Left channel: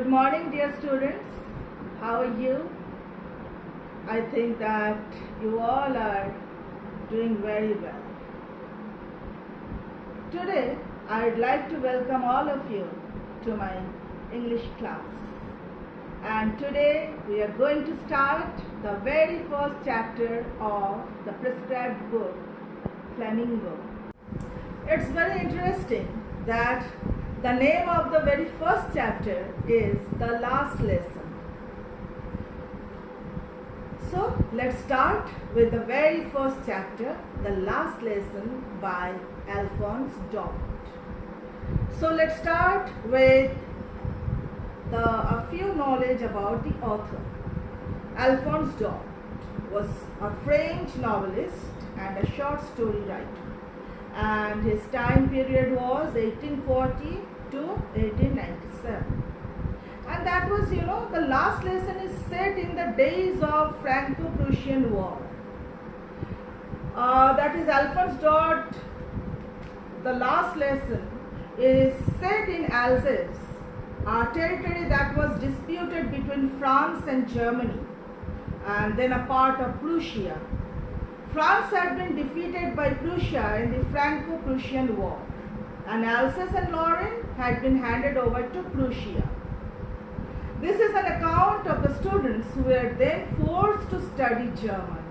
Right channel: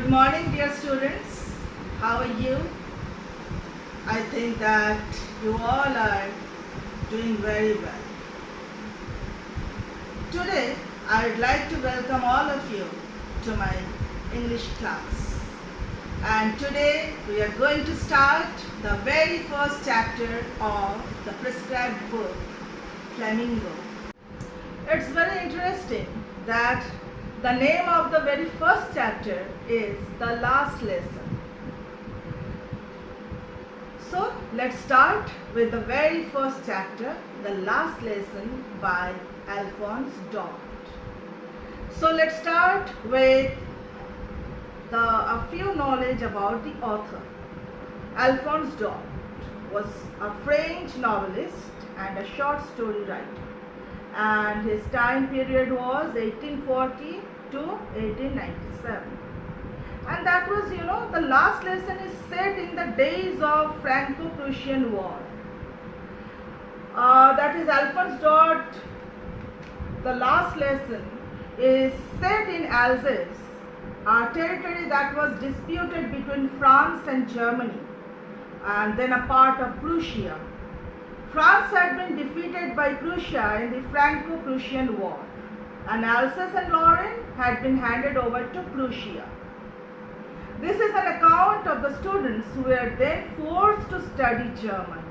Good morning, dear students. How are you? I think that you all are doing very well. Today, I would like to welcome all of you to my English class. And today, we are going to start the very first chapter of the prescribed book, Flamingo. It's very interesting that the name of the very first chapter is The Last Lesson. So let's start with the very first chapter, The Last Lesson by Alphonse Daudet. So let's start with a few knowledge about the author. Alphonse Daudet was a French novelist and a short story writer, and his time period was 1840 to 1897. And that was, the last lesson is set in the days of Franco-Prussian War. That is Alphonse Daudet. The last lesson is set in Alsace, a territory that was disputed between France and Germany, and then a part of Prussia. France had been defeated by Prussia in the Franco-Prussian War, and Alsace and Lorraine had been handed over to Prussia. This is an account of the students who were then forced to study German.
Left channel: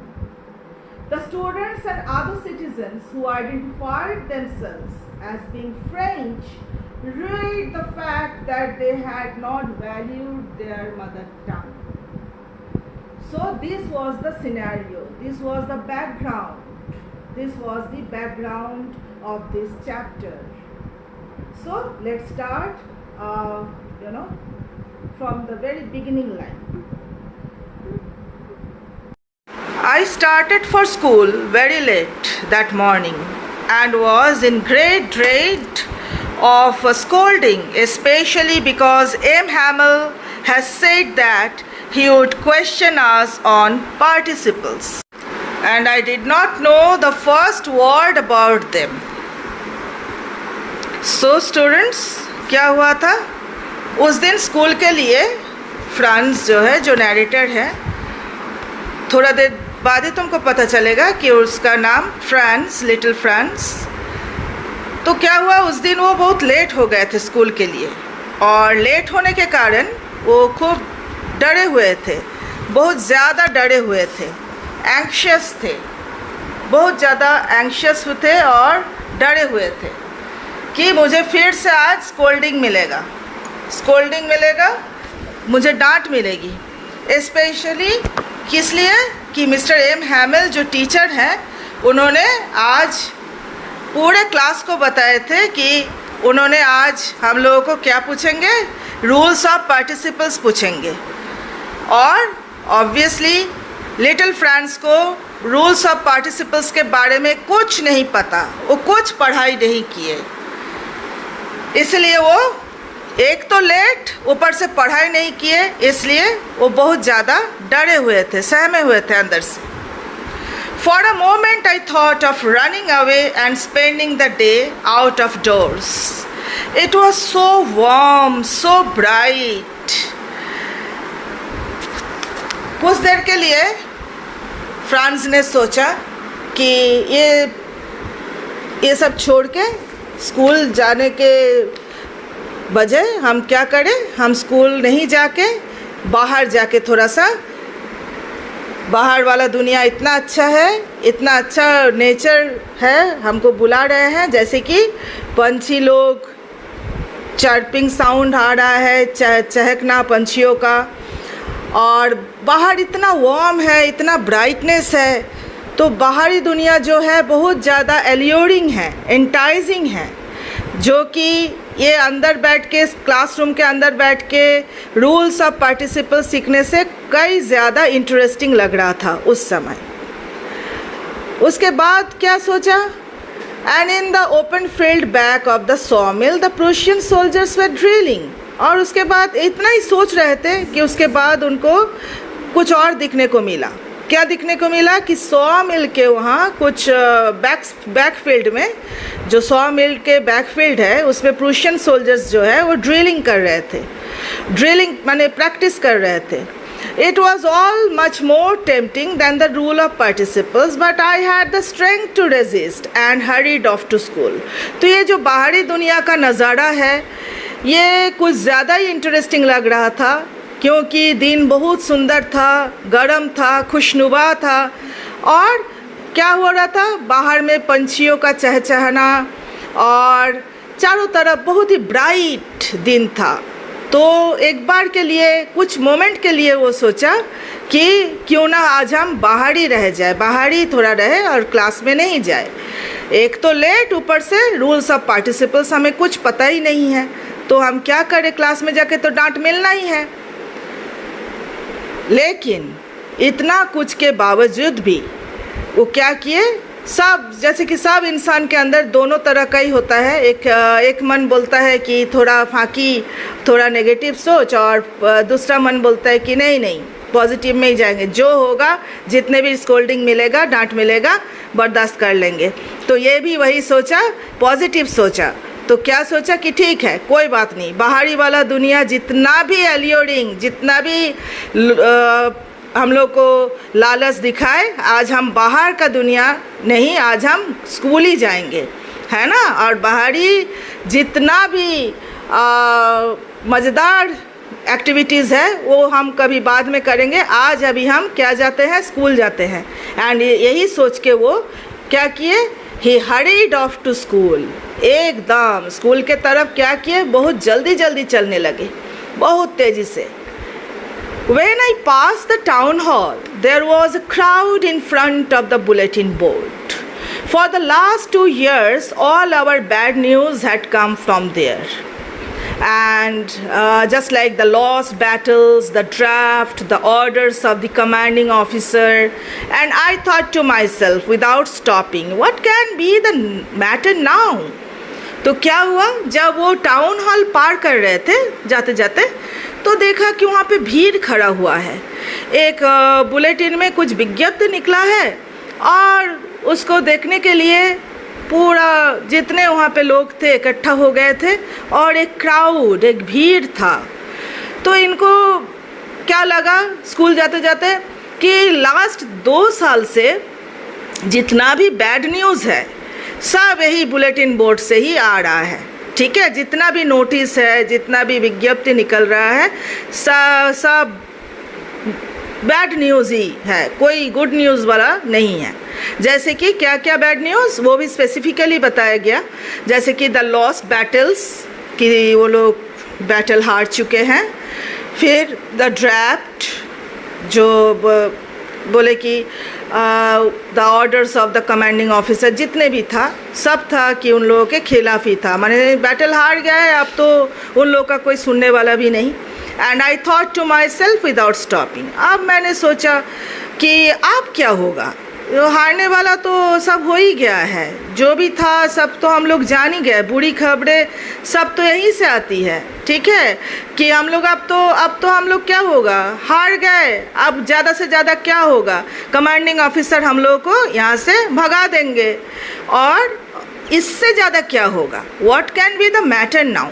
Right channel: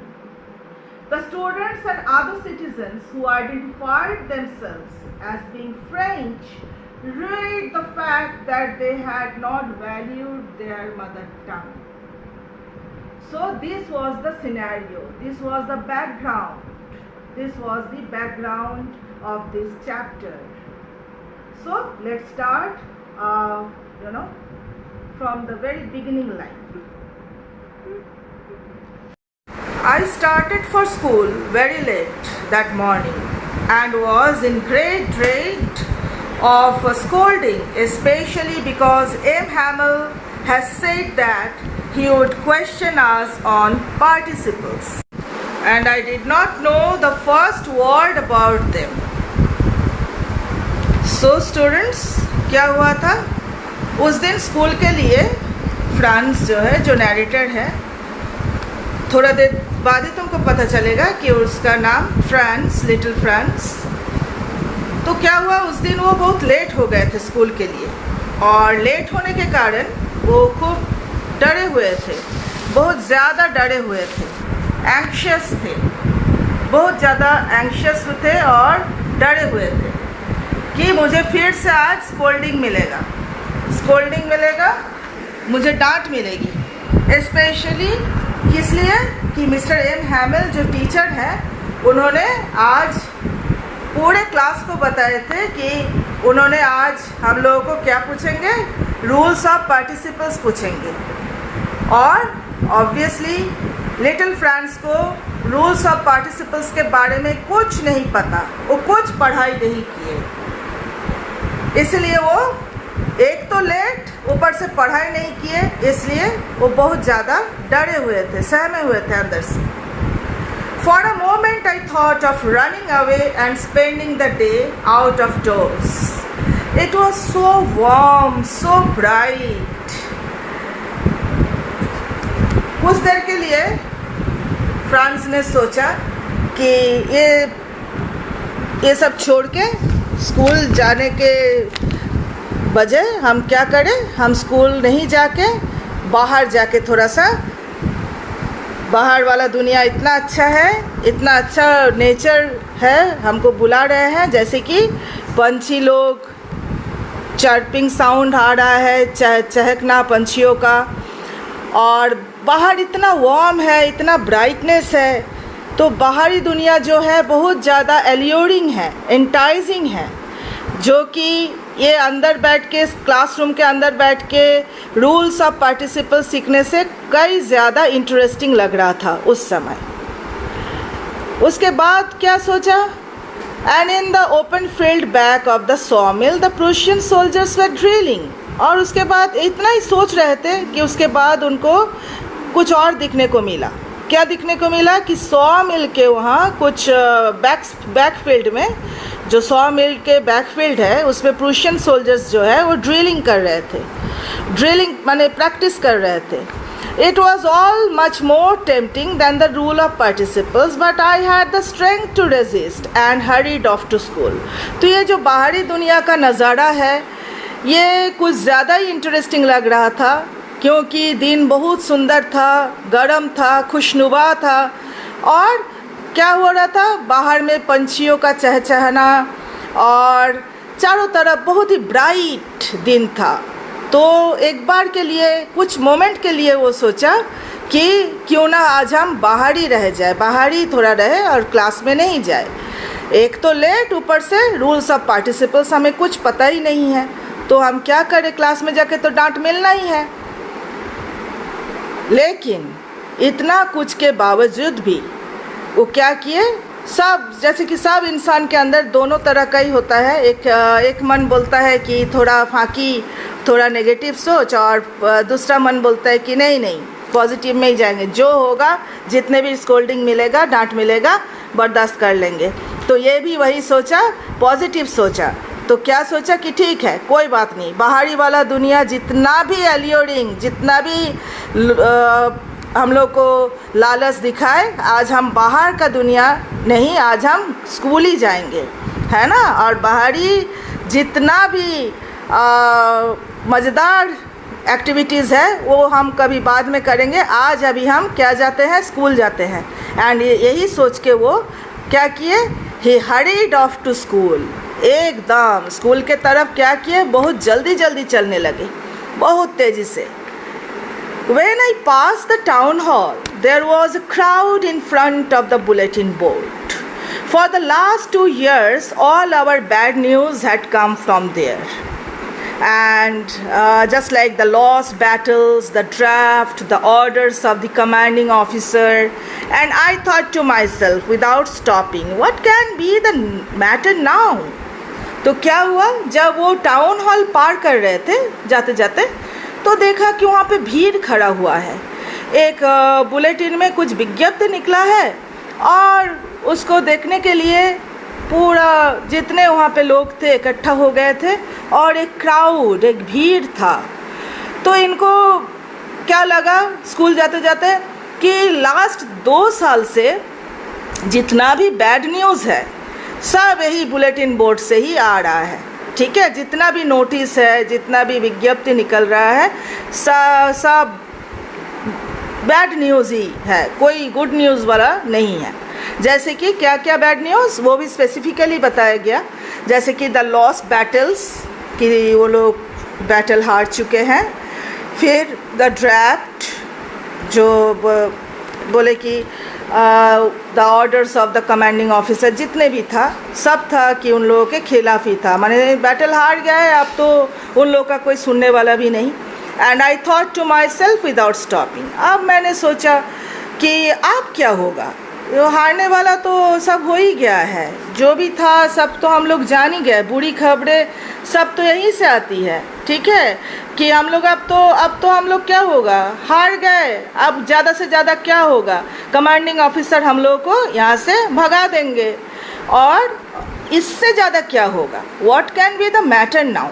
The students and other citizens who identified themselves as being French read the fact that they had not valued their mother tongue. So this was the scenario, this was the background, this was the background of this chapter. So let's start, from the very beginning line. I started for school very late that morning and was in great dread of a scolding, especially because M. Hamel has said that he would question us on participles, and I did not know the first word about them. So students, क्या हुआ था उस दिन school के लिए? France जो है, जो नैरेटर है, थोड़ा देर बाद ही तुमको पता चलेगा कि उसका नाम फ्रांस, लिटिल फ्रांस। तो क्या हुआ उस दिन वो बहुत लेट हो गए थे स्कूल के लिए, और लेट होने के कारण वो खूब डरे हुए थे, बहुत ज़्यादा डरे हुए थे, एंक्शस थे, बहुत ज़्यादा एंक्शस थे और डरे हुए थे कि मुझे फिर से आज स्कोल्डिंग मिलेगा, मुझे डांट मिलेगी। स्पेशली किस लिए कि मिस्टर एम हैमेल जो टीचर हैं, उन्होंने आज पूरे क्लास को बताए थे कि उन्होंने आज हम लोगों को क्या पूछेंगे, रूल्स ऑफ पार्टिसिपल्स पूछेंगे। और ऑब्वियसली लिटिल फ्रांस को रूल्स ऑफ पार्टिसिपल्स के बारे में कुछ नहीं पता, वो कुछ पढ़ाई नहीं किए, इसलिए वो एक तो लेट, ऊपर से पढ़ाई नहीं किए, इसलिए वो बहुत ज़्यादा डरे हुए थे, सहमे हुए थे अंदर से। For a moment I thought of running away and spending the day out of doors. It was so warm, so bright. कुछ देर के लिए फ्रांस ने सोचा कि ये सब छोड़ के स्कूल जाने के बजाय हम क्या करें, हम स्कूल नहीं जाके बाहर जाके थोड़ा सा, बाहर वाला दुनिया इतना अच्छा है, इतना अच्छा नेचर है, हमको बुला रहे हैं, जैसे कि पंछी लोग, चर्पिंग साउंड आ रहा है, चहकना पंछियों का, और बाहर इतना वार्म है, इतना ब्राइटनेस है, तो बाहरी दुनिया जो है बहुत ज़्यादा एल्योरिंग है, एंटाइजिंग है, जो कि ये अंदर बैठ के, क्लासरूम के अंदर बैठ के रूल्स ऑफ पार्टिसिपल सीखने से कई ज़्यादा इंटरेस्टिंग लग रहा था उस समय। उसके बाद क्या सोचा, and in the open field back of the सॉमिल the Prussian soldiers were drilling. और उसके बाद इतना ही सोच रहे थे कि उसके बाद उनको कुछ और दिखने को मिला। क्या दिखने को मिला कि सॉमिल के वहाँ कुछ बैकफील्ड में, जो सॉमिल के बैकफील्ड है, उसमें प्रूशियन सोल्जर्स जो है वो ड्रिलिंग कर रहे थे। ड्रिलिंग माने प्रैक्टिस कर रहे थे. It was all much more tempting than the rule of participles, but I had the strength to resist and hurried off to school. तो ये जो बाहरी दुनिया का नज़ारा है ये कुछ ज़्यादा ही इंटरेस्टिंग लग रहा था, क्योंकि दिन बहुत सुंदर था, गर्म था, खुशनुमा था. और क्या हो रहा था, बाहर में पंछियों का चहचहाना और चारों तरफ बहुत ही ब्राइट दिन था. तो एक बार के लिए, कुछ मोमेंट के लिए वो सोचा कि क्यों ना आज हम बाहर ही रह जाए, बाहर ही थोड़ा रहे और क्लास में नहीं जाए. एक तो लेट, ऊपर से रूल्स ऑफ पार्टिसिपल्स हमें कुछ पता ही नहीं है, तो हम क्या करें, क्लास में जाके तो डांट मिलना ही है. लेकिन इतना कुछ के बावजूद भी वो क्या किए, सब जैसे कि सब इंसान के अंदर दोनों तरह का ही होता है. एक मन बोलता है कि थोड़ा फाकी, थोड़ा नेगेटिव सोच, और दूसरा मन बोलता है कि नहीं पॉजिटिव में ही जाएंगे, जो होगा, जितने भी स्कोल्डिंग मिलेगा, डांट मिलेगा, बर्दाश्त कर लेंगे. तो ये भी वही सोचा, पॉजिटिव सोचा. तो क्या सोचा कि ठीक है, कोई बात नहीं, बाहरी वाला दुनिया जितना भी एलियोरिंग, जितना भी हम लोग को लालच दिखाए, आज हम बाहर का दुनिया नहीं, आज हम स्कूल ही जाएंगे, है ना. और बाहरी जितना भी मज़ेदार एक्टिविटीज़ है वो हम कभी बाद में करेंगे, आज अभी हम क्या जाते हैं, स्कूल जाते हैं. एंड यही सोच के वो क्या किए, ही हरीड ऑफ टू स्कूल. एकदम स्कूल के तरफ क्या किए, बहुत जल्दी चलने लगे, बहुत तेज़ी से. When I passed the town hall, there was a crowd in front of the bulletin board. For the last 2 years, all our bad news had come from there. And just like the lost battles, the draft, the orders of the commanding officer, and I thought to myself without stopping, what can be the matter now? तो क्या हुआ, जब वो town hall पार कर रहे थे जाते जाते, तो देखा कि वहाँ पे भीड़ खड़ा हुआ है. एक बुलेटिन में कुछ विज्ञप्ति निकला है और उसको देखने के लिए पूरा जितने वहाँ पे लोग थे इकट्ठा हो गए थे, और एक क्राउड, एक भीड़ था. तो इनको क्या लगा स्कूल जाते जाते कि लास्ट 2 साल से जितना भी बैड न्यूज़ है सब यही बुलेटिन बोर्ड से ही आ रहा है. ठीक है, जितना भी नोटिस है, जितना भी विज्ञप्ति निकल रहा है, सब बैड न्यूज़ ही है, कोई गुड न्यूज़ वाला नहीं है. जैसे कि क्या क्या बैड न्यूज़, वो भी स्पेसिफिकली बताया गया. जैसे कि द लॉस्ट बैटल्स, कि वो लोग बैटल हार चुके हैं. फिर द ड्राफ्ट, जो बोले कि the orders of the commanding officer, जितने भी था सब था कि उन लोगों के खिलाफ ही था, माने बैटल हार गए, अब तो उन लोगों का कोई सुनने वाला भी नहीं. And I thought to myself without stopping, अब मैंने सोचा कि अब क्या होगा, हारने वाला तो सब हो ही गया है, जो भी था सब तो हम लोग जान ही गए, बुरी खबरें सब तो यहीं से आती है. ठीक है कि हम लोग अब तो हम लोग क्या होगा, हार गए, अब ज़्यादा से ज़्यादा क्या होगा, कमांडिंग ऑफिसर हम लोग को यहाँ से भगा देंगे, और इससे ज़्यादा क्या होगा, what can be the matter now,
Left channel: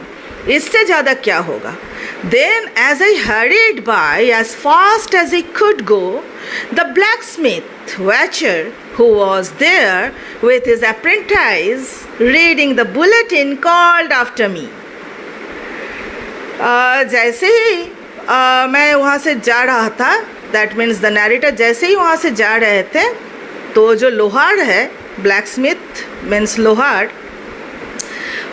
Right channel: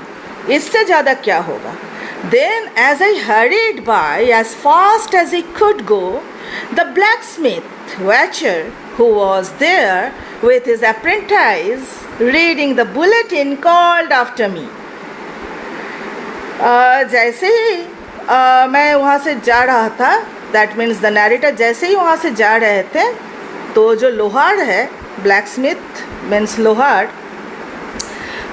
इससे ज़्यादा क्या होगा. Then as I hurried by as fast as I could go, the blacksmith Watcher, who was there with his apprentice reading the bulletin, called after me. जैसे ही मैं वहाँ से जा रहा था, दैट मीन्स द नैरेटर जैसे ही वहाँ से जा रहे थे, तो जो लोहार है, ब्लैकस्मिथ मीन्स लोहार,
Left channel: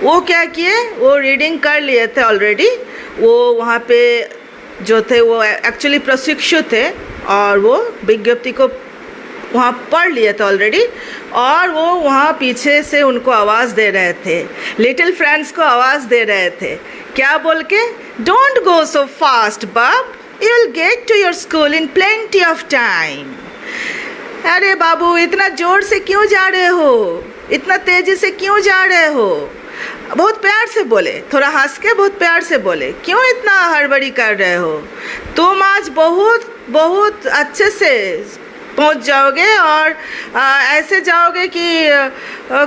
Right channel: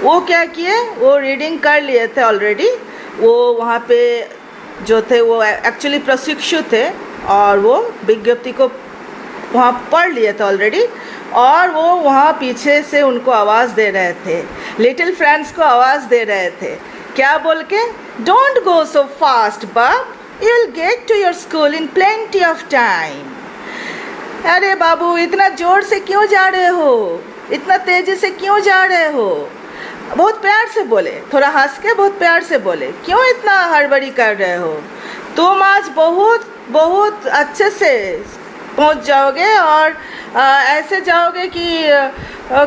वो क्या किए, वो रीडिंग कर लिए थे ऑलरेडी. वो वहाँ पे जो थे वो एक्चुअली प्रशिक्षु थे, और वो विज्ञप्ति को वहाँ पढ़ लिए थे ऑलरेडी, और वो वहाँ पीछे से उनको आवाज़ दे रहे थे, लिटिल फ्रेंड्स को आवाज़ दे रहे थे. क्या बोल के, don't go so fast bub, you will get to your school in plenty of time. अरे बाबू, इतना ज़ोर से क्यों जा रहे हो, इतना तेज़ी से क्यों जा रहे हो. बहुत प्यार से बोले, थोड़ा हंस के बहुत प्यार से बोले, क्यों इतना हड़बड़ी कर रहे हो, तुम आज बहुत बहुत अच्छे से पहुंच जाओगे और ऐसे जाओगे कि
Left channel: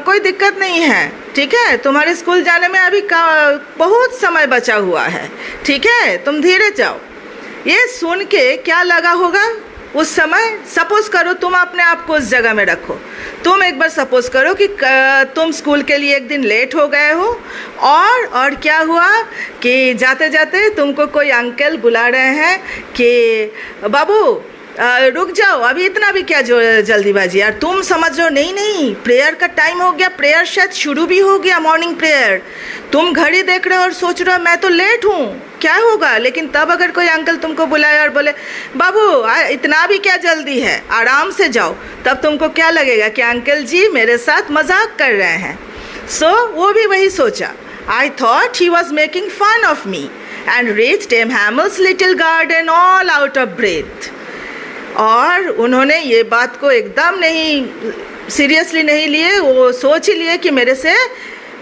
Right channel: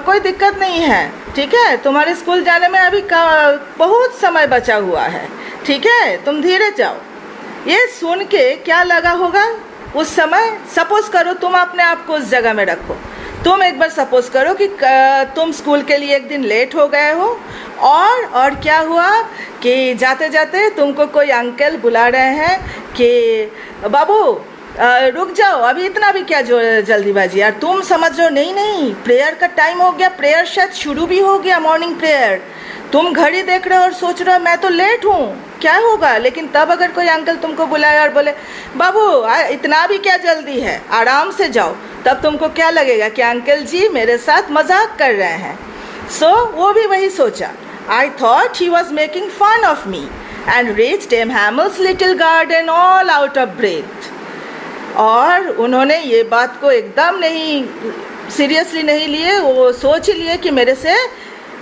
कोई दिक्कत नहीं है, ठीक है। तुम्हारे स्कूल जाने में अभी बहुत समय बचा हुआ है, ठीक है, तुम धीरे जाओ। ये सुन के क्या लगा होगा उस समय? सपोज करो तुम अपने आप को उस जगह में रखो। तुम एक बार सपोज करो कि तुम स्कूल के लिए एक दिन लेट हो गए हो और क्या हुआ कि जाते जाते तुमको कोई अंकल बुला रहे हैं कि बाबू रुक जाओ, अभी इतना भी क्या जो जल्दीबाजी यार। तुम समझ रहे हो नहीं नहीं प्रेयर का टाइम हो गया, प्रेयर शायद शुरू भी हो गया, मॉर्निंग प्रेयर। तुम घड़ी देख रहे हो और सोच रहे हो मैं तो लेट हूँ, क्या होगा। लेकिन तब अगर कोई अंकल तुमको बुलाए और बोले बाबू इतना भी क्या जल्दी है, आराम से जाओ, तब तुमको क्या लगेगा कि अंकल जी मेरे साथ मजाक कर रहे हैं। सो वो भी वही सोचा। I thought he was making fun of me and reached एमहैमल्स little garden all out of breath. और उन्होंने ये बात को एकदम नहीं सीरियसली नहीं लिए, वो सोच ही लिए कि मेरे से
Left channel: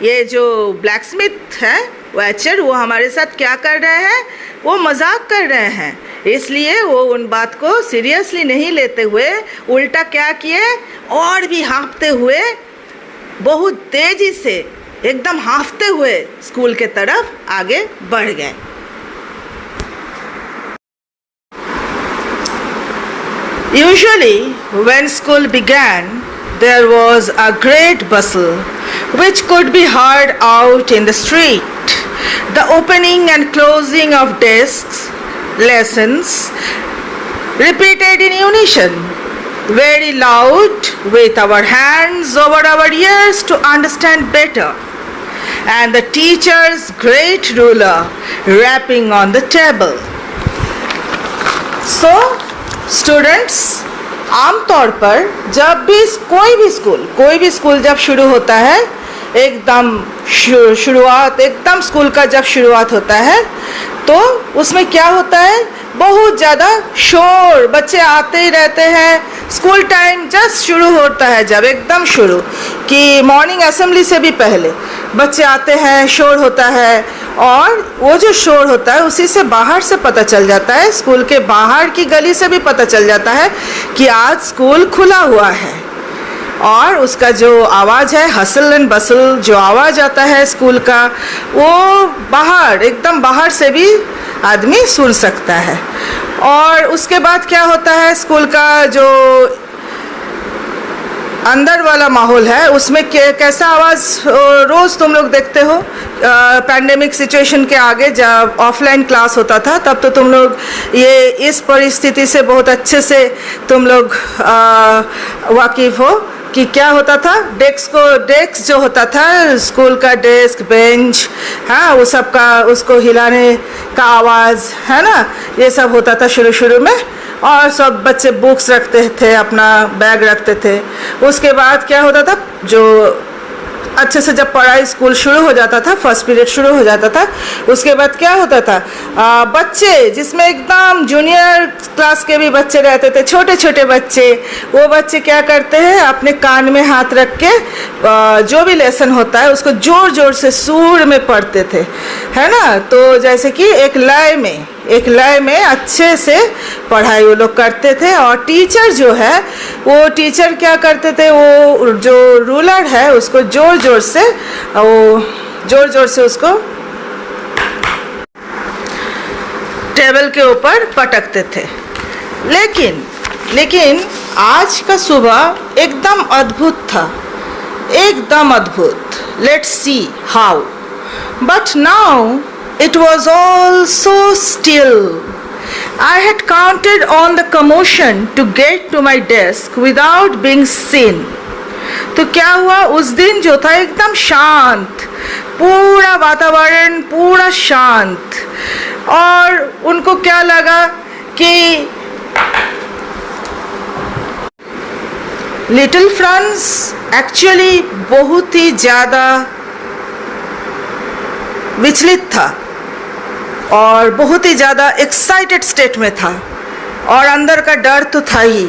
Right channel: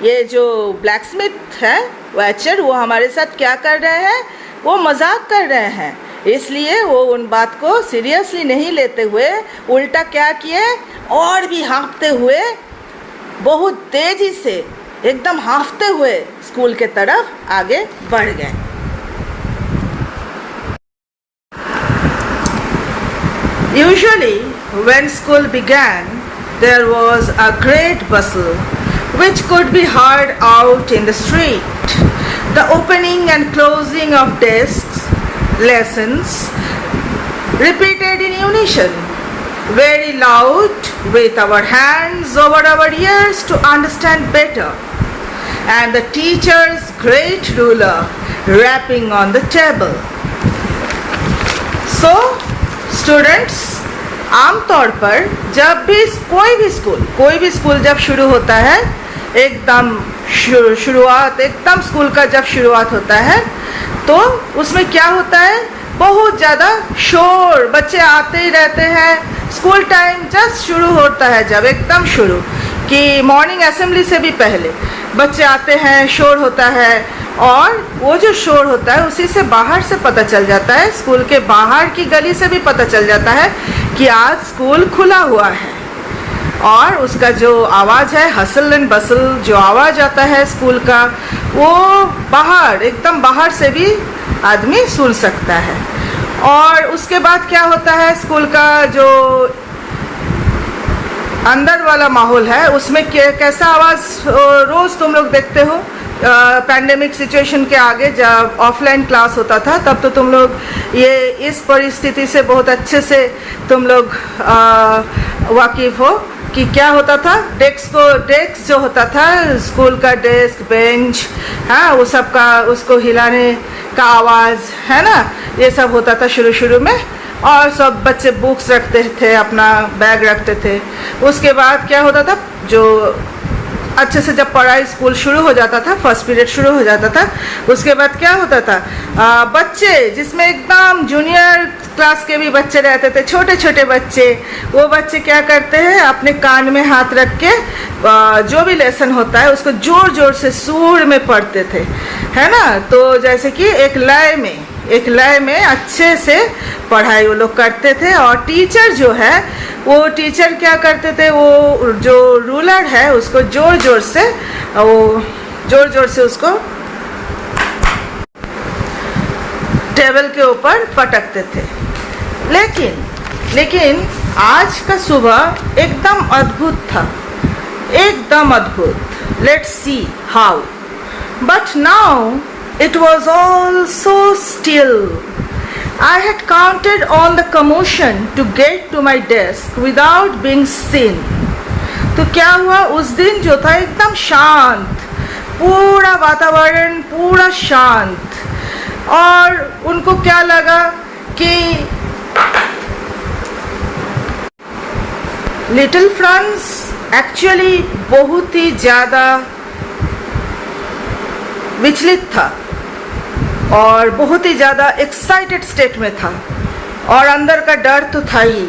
ये जो ब्लैक स्मिथ है वैचर, वो हमारे साथ क्या कर रहे हैं, वो मजाक कर रहे हैं। इसलिए वो उन बात को सीरियसली नहीं लेते हुए उल्टा क्या किए, और भी हाँफते हुए बहुत तेजी से एकदम हाँफते हुए स्कूल के तरफ आगे बढ़ गए। Usually, when school began, there was a great bustle, which could be heard out in the street. The opening and closing of desks, lessons, repeated in unison, very loud, with our hands over our ears to understand better, and the teacher's great ruler rapping on the table. So, students, आमतौर पर जब भी कोई भी school जब शुरू होता है, एकदम शुरुआत एकदम स्कूल का जब शुरुआत होता है तो उसमें क्या होता है, बहुत ज़्यादा शोर, बच्चे आते ही रहते हैं। स्कूल टाइम जस्ट शुरू होता है, जब एकदम शुरू कि मॉर्निंग असेंबली से भी पहले बच्चे आते हैं, शोर होता है। और वो जो शोर होता है उसी से बाहर से पता चल जाता है, स्कूल के बाहर की गली से भी पता चल जाता है कि आज स्कूल खुला हुआ है। और उसका जो आवाज़ है, हसल एंड बसल जो आवाज़ आता है स्कूल का, वो बाहर एकदम बाहर से भी आदमी सुन सकता है। और उसके बाद क्या होता है, स्कूल का जो अंदर वाला माहौल है उसमें कैसा आवाज़ रोज़ तुम लोग देखते हो। पैंडेमिक सिचुएशन के आगे जब ऑफलाइन क्लास होता था तब तो तुम लोग ये इस परिस्थिति से बहुत अच्छे से तुम लोग वाकिफ़ हो कि क्या होता था। डेस्क जो होता था, स्कूल का डेस्क बेंच, हाँ, वो सब का उसको हिलाने का आवाज़ है ना, ये सब होता था शुरू में। और सब बच्चे बुक्स रखते थे, अपना बैग रखते थे। उसके बाद क्या होता था, जो अच्छे से जब पढ़ाई स्कूल शुरू हो जाता था, फर्स्ट पीरियड शुरू हो जाता था, उसके बाद क्या होता था, बच्चे जिसमें एकदम जूनियर क्लास के भी बच्चे रहते थे, छोटे छोटे बच्चे, वो बच्चे क्या करते हैं, अपने कान में हाथ रख के जो भी लेसन होता है उसको ज़ोर ज़ोर से सुर में पढ़ते थे, है ना। तो जैसे कि एक लय में अच्छे से पढ़ाई वो लोग करते थे। और टीचर जो है, वो टीचर क्या करते थे, वो जो रूलर है उसको ज़ोर ज़ोर से उसको टेबल के ऊपर पटकते थे। लेकिन आज का सुबह एकदम अद्भुत था, एकदम अद्भुत। Let's see how. But now it was all so still. I had counted on the commotion to get to my desk without being seen. तो क्या हुआ, उस दिन जो था एकदम शांत, पूरा वातावरण पूरा शांत। और उनको क्या लगा कि लिटिल फ्रांस एक्चुअली बहुत ही ज़्यादा विचलित था और बहुत ही ज़्यादा एक्साइटेड स्टेट में था। और अंदर का डर तो था ही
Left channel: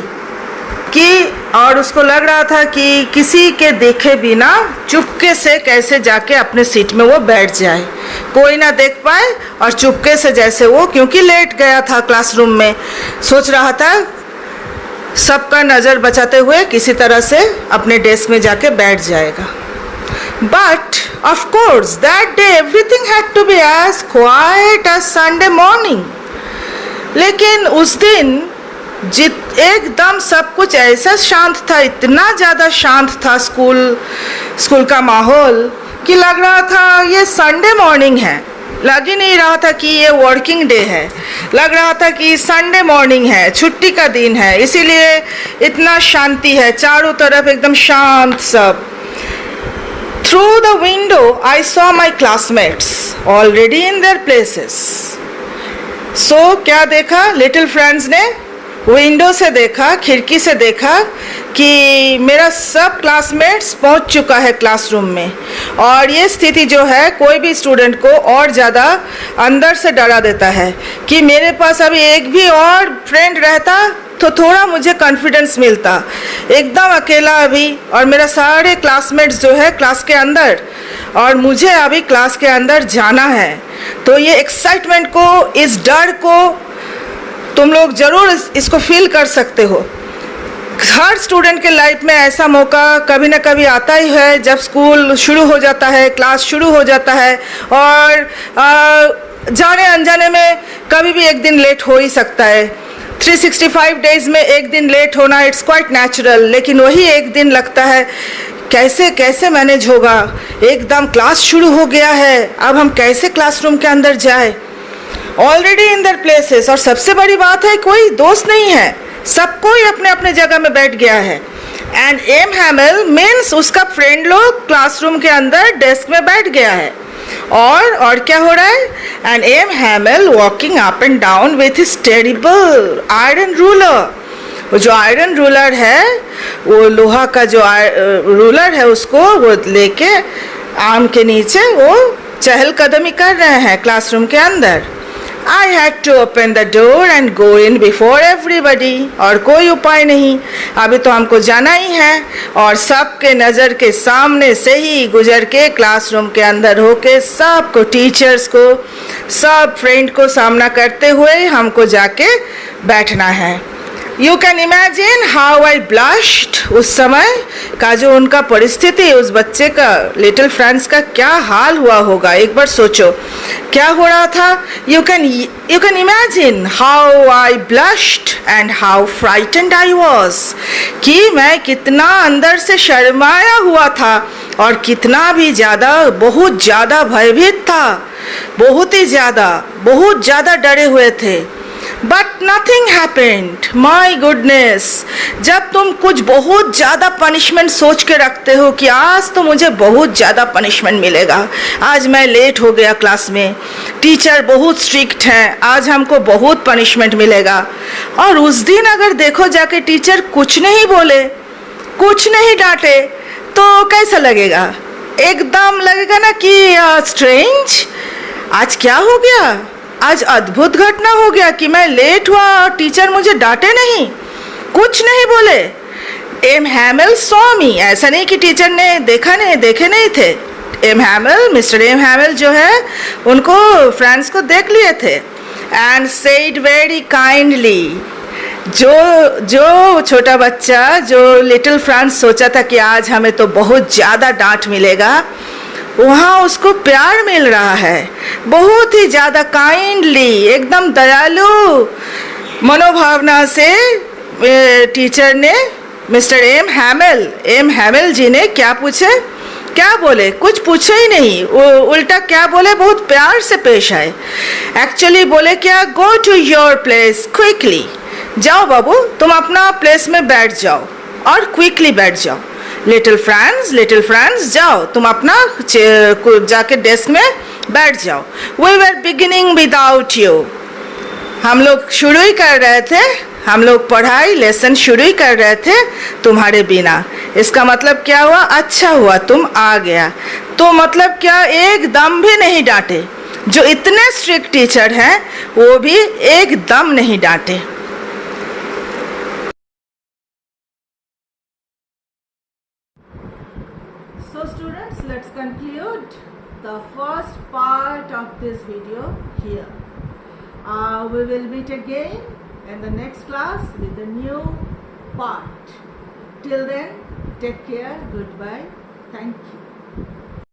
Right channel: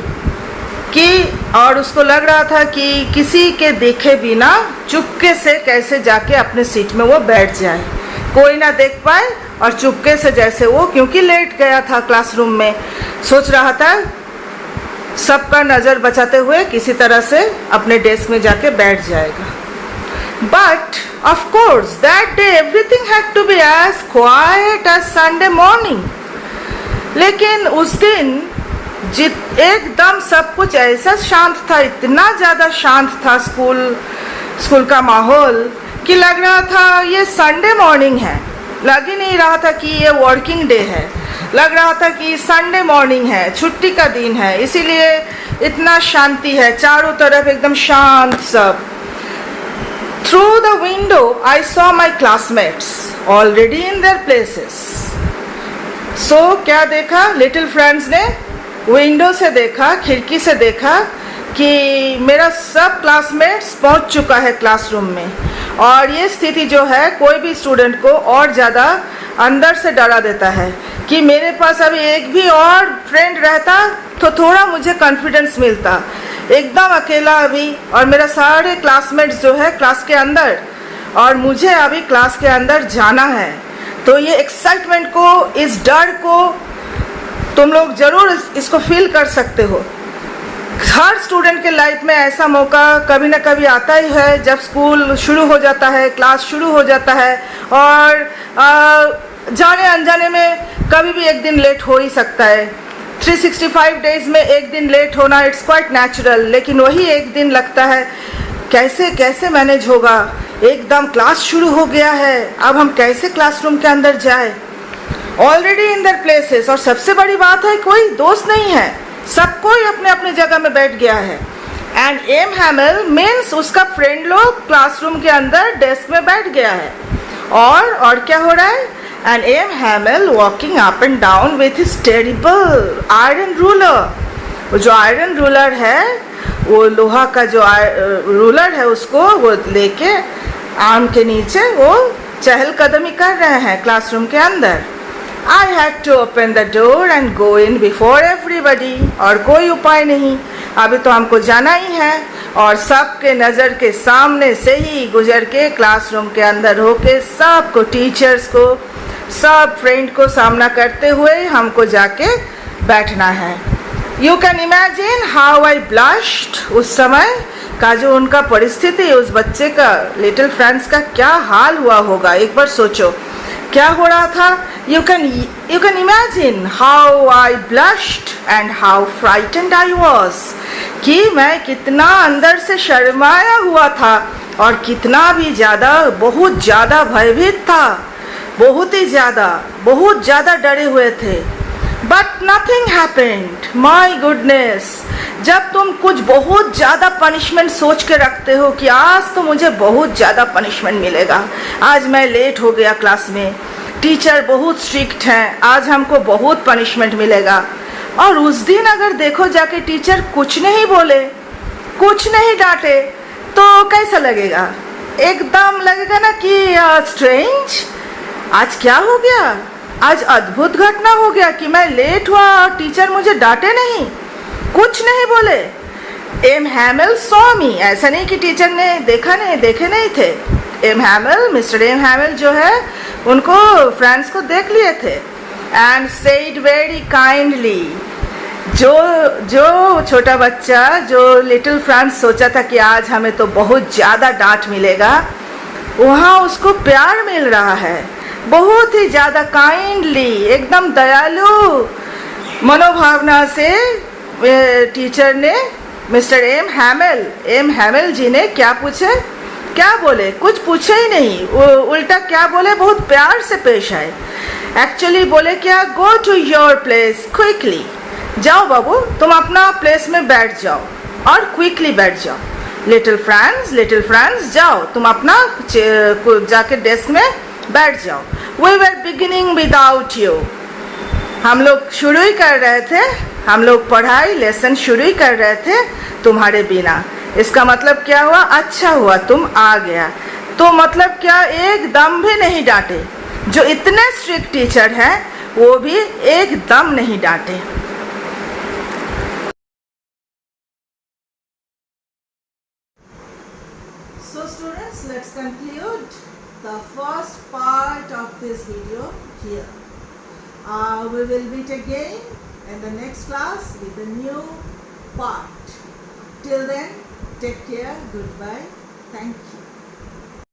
कि, और उसको लग रहा था कि किसी के देखे बिना चुपके से कैसे जाके अपने सीट में वो बैठ जाए, कोई ना देख पाए, और चुपके से जैसे वो, क्योंकि लेट गया था क्लासरूम में, सोच रहा था सबका नज़र बचाते हुए किसी तरह से अपने डेस्क में जाके बैठ जाएगा. But of course that day everything had to be as quiet as Sunday morning. लेकिन उस दिन एकदम सब कुछ ऐसा शांत था, इतना ज़्यादा शांत था स्कूल का माहौल कि लग रहा था ये संडे मॉर्निंग है. लग ही नहीं रहा था कि ये वर्किंग डे है, लग रहा था कि संडे मॉर्निंग है, छुट्टी का दिन है. इसीलिए इतना शांति है, चारों तरफ एकदम शांत सब. Through the window I saw my classmates already in their places. So क्या देखा लिटिल फ्रेंड्स ने? विंडो से देखा, खिड़की से देखा कि मेरा सब क्लासमेट्स पहुंच चुका है क्लासरूम में. और ये स्थिति जो है कोई भी स्टूडेंट को और ज़्यादा अंदर से डरा देता है कि मेरे पास अभी एक भी और फ्रेंड रहता तो थोड़ा मुझे कॉन्फिडेंस मिलता. एकदम अकेला अभी, और मेरा सारे क्लासमेट्स जो है क्लास के अंदर, और मुझे अभी क्लास के अंदर जाना है. तो ये एक्साइटमेंट को, इस डर को तुम लोग ज़रूर इसको फील कर सकते हो. हर स्टूडेंट के लाइफ में ऐसा मौका कभी ना कभी आता ही है जब स्कूल शुरू हो जाता है, क्लास शुरू हो जाता है, और जाने अनजाने में कभी भी एक दिन लेट हो ही सकता है. 365 डेज़ में एक दिन लेट होना इट्स क्वाइट नेचुरल. लेकिन वही एक दिन लगता है कैसे कैसे मैनेज होगा. एकदम क्लास शुरू हो गया है, अब हम कैसे क्लासरूम के अंदर जाए. ऑलरेडी इन देयर प्लेसेस, और सबसे बड़ी बात है कोई दोस्त नहीं है, सब कोई अपने अपने जगह में बैठ गया है. एंड एम हैमेल मीन्स उसका फ्रेंड लोग क्लासरूम के अंदर डेस्क में बैठ गया है. और क्या हो रहा है? And M Hamel walking up and down with his terrible iron ruler. वो जो आयरन रूलर है, वो लोहा का जो रूलर है, उसको वो लेके आम के नीचे वो चहलकदमी कर रहे हैं क्लासरूम के अंदर. I had to open the door and go in before everybody. और कोई उपाय नहीं, अभी तो हमको जाना ही है, और सबके नज़र के सामने से ही गुजर के क्लासरूम के अंदर होके सबको, टीचर्स को, सब फ्रेंड को सामना करते हुए हमको जाके बैठना है. You can imagine how I blushed. उस समय का जो उनका परिस्थिति, उस बच्चे का, लिटिल फ्रेंड्स का क्या हाल हुआ होगा. एक बार सोचो क्या हो रहा था. You can imagine how I blushed and how frightened I was. कि मैं कितना अंदर से शर्माया हुआ था और कितना भी ज़्यादा, बहुत ज़्यादा भयभीत था, बहुत ही ज़्यादा, बहुत ज़्यादा डरे हुए थे. But nothing happened. My goodness, जब तुम कुछ बहुत ज़्यादा पनिशमेंट सोच के रखते हो कि आज तो मुझे बहुत ज़्यादा पनिशमेंट मिलेगा, आज मैं लेट हो गया क्लास में, टीचर बहुत स्ट्रिक्ट हैं, आज हमको बहुत पनिशमेंट मिलेगा, और उस दिन अगर देखो जाके टीचर कुछ नहीं बोले, कुछ नहीं डांटे, तो कैसा लगेगा? एकदम लगेगा ना कि स्ट्रेंज, आज क्या हो गया, आज अद्भुत घटना हो गया कि मैं लेट हुआ और टीचर मुझे डांटे नहीं, कुछ नहीं बोले. M Hamel saw me. ऐसा नहीं कि टीचर ने देखे नहीं थे. M Hamel, mister M Hamel जो है, उनको फ्रेंड्स को देख लिए थे. And said very kindly. जो छोटा बच्चा, जो लिटिल फ्रेंड्स सोचा था कि आज हमें तो बहुत ज़्यादा डांट मिलेगा, वहाँ उसको प्यार मिल रहा है, बहुत ही ज़्यादा काइंडली, एकदम दयालु मनोभावना से. टीचर ने, मिस्टर एम हैमेल जी ने क्या पूछे, क्या बोले? कुछ पूछे ही नहीं, वो उल्टा क्या बोले, बहुत प्यार से पेश आए. एक्चुअली बोले क्या, go to your place quickly. जाओ बाबू, तुम अपना प्लेस में बैठ जाओ, और क्विकली बैठ जाओ. लिटिल फ्रेंड्स जाओ, तुम अपना जाके डेस्क में बैठ जाओ. We were beginning without you. हम लोग शुरू ही कर रहे थे, हम लोग पढ़ाई लेसन शुरू ही कर रहे थे तुम्हारे बिना. इसका मतलब क्या हुआ? अच्छा हुआ तुम आ गया. तो मतलब क्या, एकदम भी नहीं डांटे. जो इतने स्ट्रिक्ट टीचर हैं वो भी एकदम नहीं डांटे. So students, let's conclude the first part of this video here. We will meet again in the next class with a new part. Till then, take care, goodbye, thank you.